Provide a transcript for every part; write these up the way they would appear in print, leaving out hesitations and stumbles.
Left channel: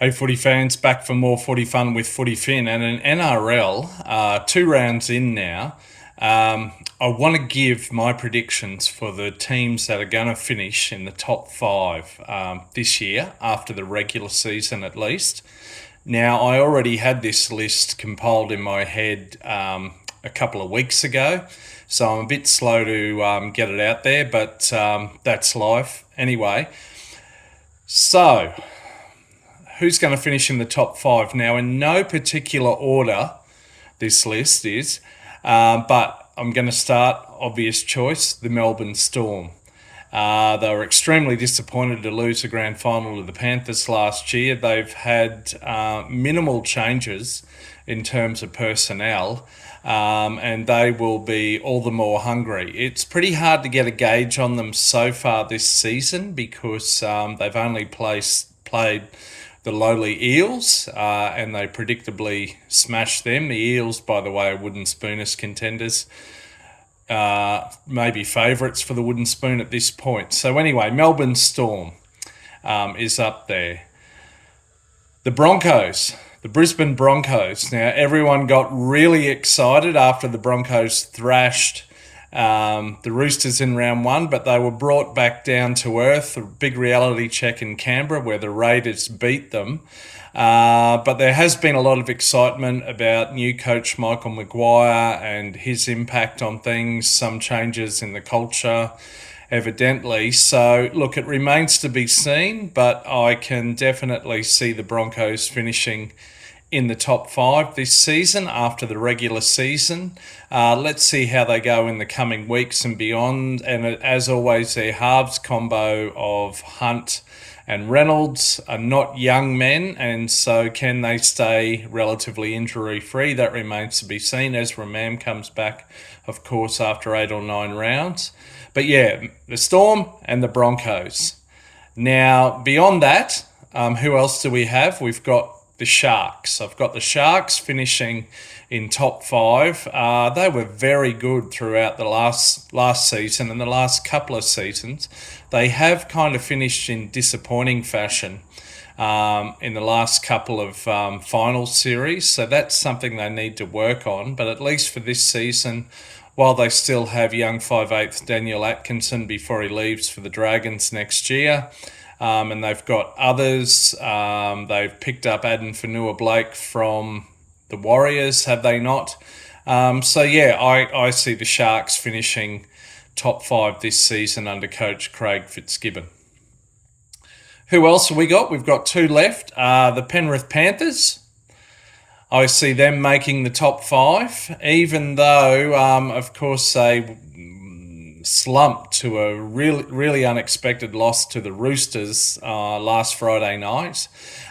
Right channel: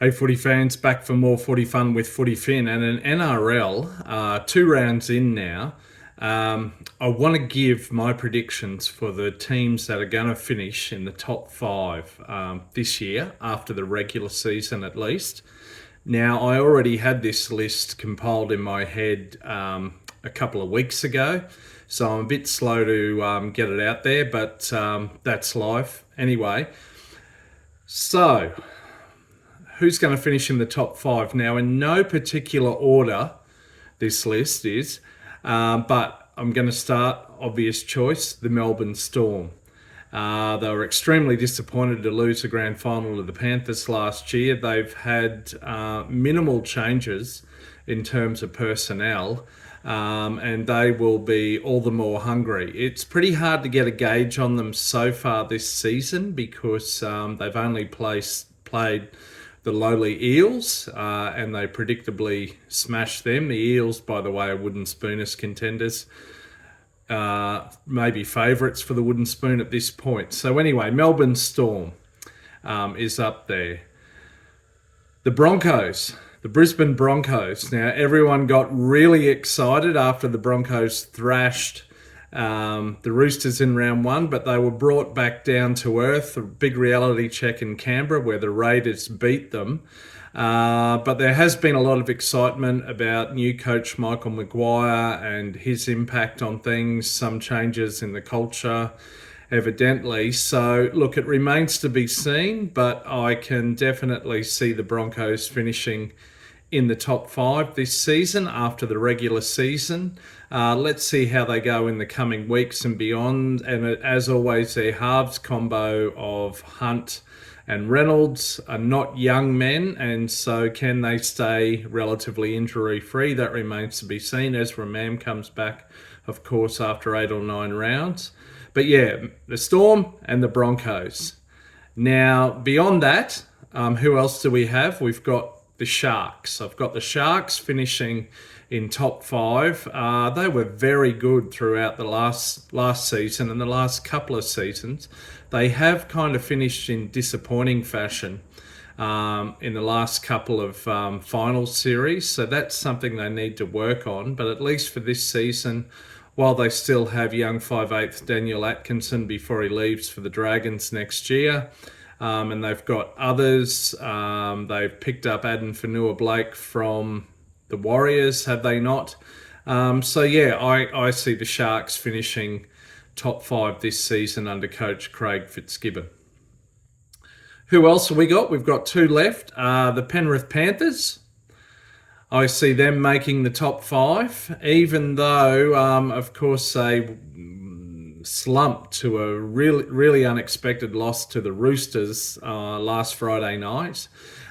Hey, footy fans, back for more footy fun with Footy Fin and an NRL. 2 rounds in now. I want to give my predictions for the teams that are going to finish in the top five this year, after the regular season at least. Now, I already had this list compiled in my head a couple of weeks ago, so I'm a bit slow to get it out there, but that's life. Anyway, so who's going to finish in the top five? Now, in no particular order, this list is, but I'm going to start obvious choice, the Melbourne Storm. They were extremely disappointed to lose the grand final to the Panthers last year. They've had minimal changes in terms of personnel, and they will be all the more hungry. It's pretty hard to get a gauge on them so far this season because they've only played the lowly Eels, and they predictably smashed them. The Eels, by the way, are wooden spooners contenders, maybe favourites for the wooden spoon at this point. So anyway, Melbourne Storm is up there. The Broncos, the Brisbane Broncos. Now, everyone got really excited after the Broncos thrashed the Roosters in round one, but they were brought back down to earth. A big reality check in Canberra where the Raiders beat them. But there has been a lot of excitement about new coach Michael Maguire and his impact on things, some changes in the culture, evidently. So, look, it remains to be seen, but I can definitely see the Broncos finishing in the top five this season after the regular season. Let's see how they go in the coming weeks and beyond. And as always, their halves combo of Hunt and Reynolds are not young men, and so can they stay relatively injury-free? That remains to be seen. Ezra Mam comes back, of course, after 8 or 9 rounds. But yeah, the Storm and the Broncos. Now, beyond that, who else do we have? We've got the Sharks. I've got the Sharks finishing in top five. They were very good throughout the last season and the last couple of seasons. They have kind of finished in disappointing fashion in the last couple of final series, so that's something they need to work on. But at least for this season, while they still have young 5'8" Daniel Atkinson before he leaves for the Dragons next year, and they've got others. They've picked up Aden Fanua-Blake from the Warriors, have they not? So yeah, I see the Sharks finishing top five this season under coach Craig Fitzgibbon. Who else have we got? We've got two left. The Penrith Panthers. I see them making the top five, even though, of course, they slumped to a really unexpected loss to the Roosters last Friday night.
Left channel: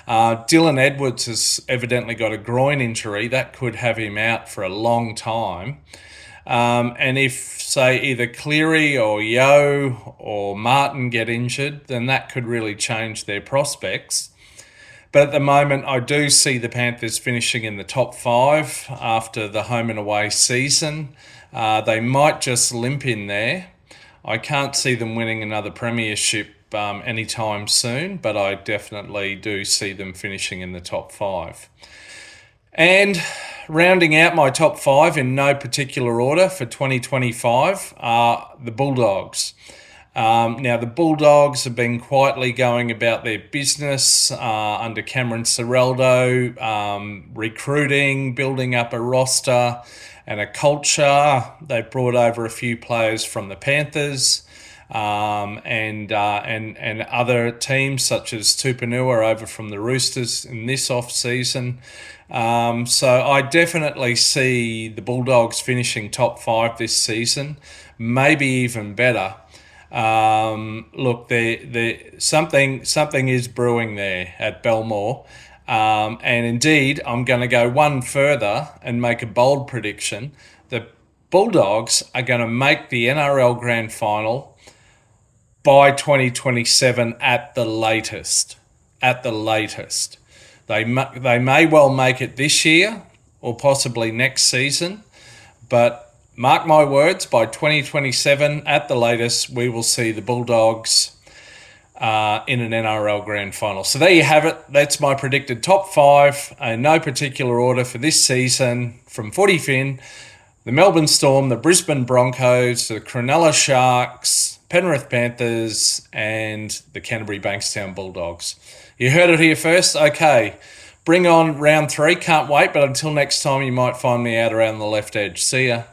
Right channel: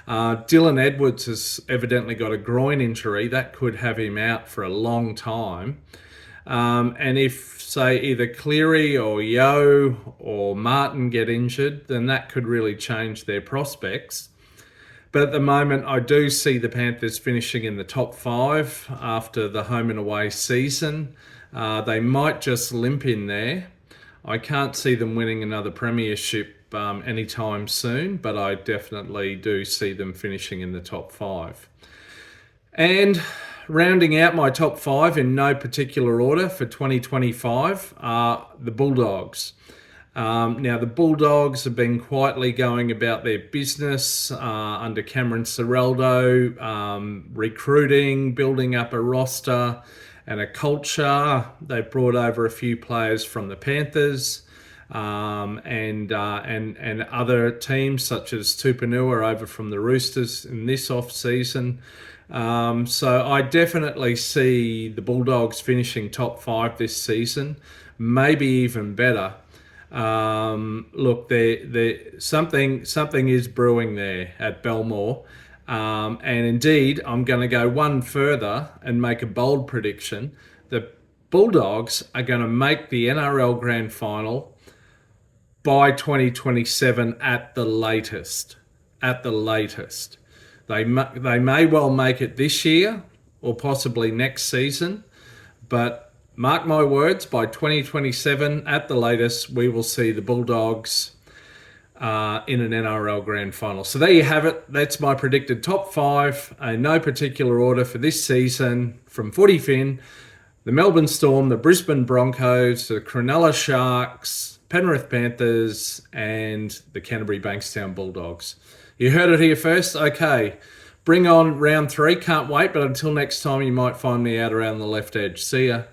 Dylan Edwards has evidently got a groin injury that could have him out for a long time. And if, say, either Cleary or Yeo or Martin get injured, then that could really change their prospects. But at the moment, I do see the Panthers finishing in the top five after the home and away season. They might just limp in there. I can't see them winning another premiership anytime soon, but I definitely do see them finishing in the top five. And rounding out my top five in no particular order for 2025 are the Bulldogs. Now, the Bulldogs have been quietly going about their business under Cameron Ciraldo, recruiting, building up a roster and a culture. They've brought over a few players from the Panthers and other teams such as Tupanua over from the Roosters in this off-season. So I definitely see the Bulldogs finishing top five this season, maybe even better. Look, something is brewing there at Belmore. And indeed, I'm going to go one further and make a bold prediction. The Bulldogs are going to make the NRL Grand Final by 2027 at the latest. At the latest. They may well make it this year or possibly next season, but mark my words, by 2027 at the latest, we will see the Bulldogs in an NRL grand final. So there you have it. That's my predicted top 5 in no particular order for this season from Footy Fin. The Melbourne Storm, the Brisbane Broncos, the Cronulla Sharks, Penrith Panthers, and the Canterbury Bankstown Bulldogs. You heard it here first. Okay, bring on round 3. Can't wait, but until next time, you might find me out around the left edge. See ya.